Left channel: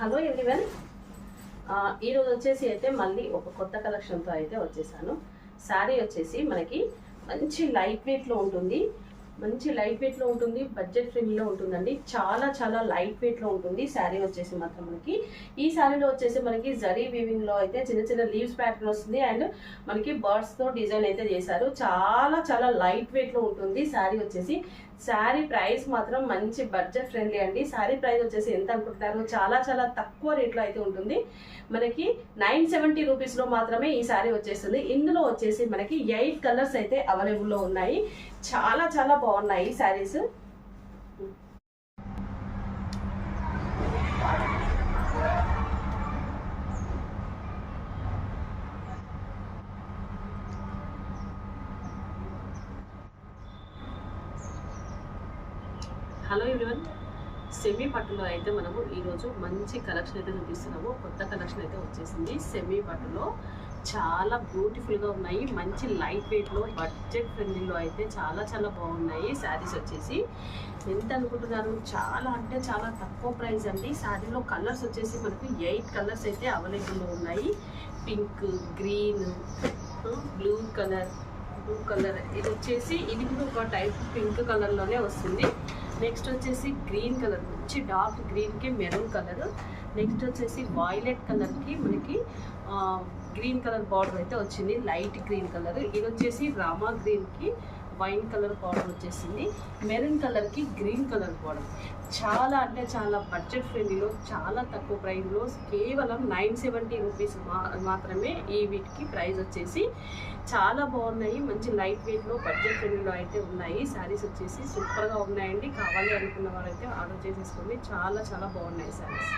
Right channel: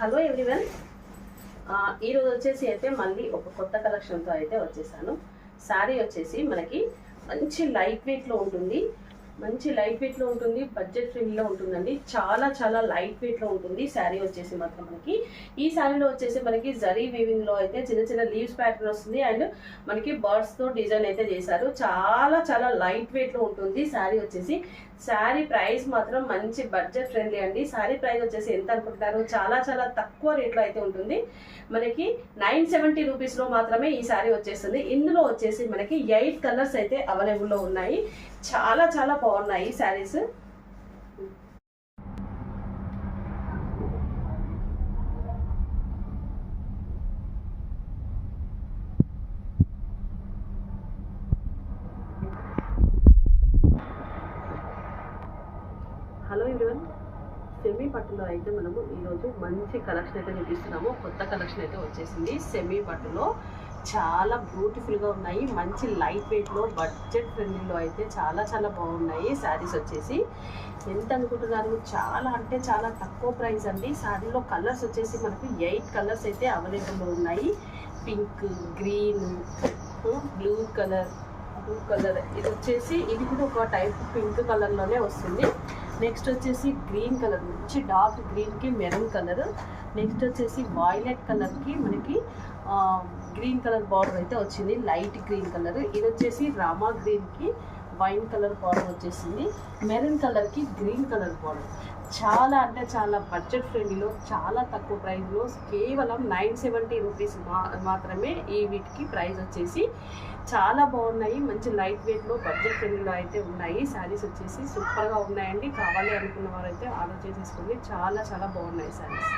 Hello everyone, ఈరోజు వచ్చేసి అయితే మళ్ళీ ఒక కొత్త కలెక్షన్తో అయితే వచ్చేసాను. శారీ వచ్చేసి మనకి మంచి లైట్ వెయిట్లో ఉంటుంది, బడ్జెట్ ఫ్రెండ్లీలో ఉంటుందండి. చాలా చాలా లైట్ వెయిట్లో ఉంటుంది శారీ వచ్చేసి మాత్రం మనకి. ఈ శారీలో వచ్చేసి మనకి జరీ వీవింగ్లో అయితే చిన్న చిన్న లీవ్స్ ప్యాటర్న్ వస్తుంది అండ్ మనకి బర్డ్స్తో డిజైన్ అయితే చేశారు. చాలా చాలా లైట్ వెయిట్లో ఉంటుంది శారీ వచ్చేసి. శారీ ప్రైస్ మాత్రం మంచి బడ్జెట్ ఫ్రెండ్లీ అండి. శారీ ప్రైస్ వచ్చేసి ఎంత అనుకుంటున్నారు? చాలా చాలా తక్కువ రేట్లో అయితే ఉంటుంది. మనకి 970 రూపీస్లో మాత్రమే ఈ శారీ వచ్చేస్తుంది. ఇందులో వచ్చేసి మనకి 8 కలర్స్ అయితే అవైలబుల్లో ఉన్నాయి. చాలా చాలా బాగున్నాయి శారీస్. హలో ఎవ్రీవన్, సెమీ పట్టులో అయితే మనము ఈరోజు మంచి కలెక్షన్ అయితే చూపిస్తున్నాము. కొత్త కలెక్షన్ అయితే వచ్చేసింది. సెమీ పట్టులో చాలా బ్యూటిఫుల్గా ఉన్నాయి. మంచి లైట్ వెయిట్లో బడ్జెట్ ఫ్రెండ్లీలో అయితే చాలా చాలా బాగున్నాయి శారీస్ వచ్చేసి. ఎంత అనుకుంటున్నారు? చాలా అంటే చాలా తక్కువ ప్రైస్ అండి. శారీలో కలర్స్ వచ్చేసి మనకు 8 కలర్స్ అయితే అవైలబుల్లో ఉన్నాయి. పింక్, గ్రీన్, బ్లూ కలర్, ఇది వచ్చేసి ఇది కూడా ఒక టైప్ పింక్ కలర్లోనే వస్తుంది. నెక్స్ట్ వచ్చేసి గ్రీన్ కలర్, మంచి డార్క్ గ్రీన్కి మెరూన్ కలర్. నెక్స్ట్ వచ్చేసి వాయిలెట్ కలర్కి మనకి గ్రీన్ కలర్ బార్డర్ అయితే వచ్చింది, లైట్ గ్రీన్ కలర్. ఇది వచ్చేసి రామా గ్రీన్కి వైన్ కలర్ బార్డర్ వచ్చేసింది. మెరూన్ కలర్కి గ్రీన్ కలర్ బార్డర్. చాలా అంటే చాలా బడ్జెట్ ఫ్రెండ్లీలో చాలా తక్కువ ప్రైస్లో కేవలం 970 రూపీస్ మాత్రమే ఈ వీటికి ప్రైస్ వచ్చేసి. చాలా బాగున్నాయి. మంచి లైట్ వెయిట్లో బడ్జెట్ ఫ్రెండ్లీలో అయితే ఉన్నాయి. శారీస్ వచ్చేసి సూపర్గా ఉన్నాయండి. కావాలి అనుకున్న వారైతే ఆర్డర్ చేసేసుకోండి. చాలా చాలా బాగున్నాయి శారీస్.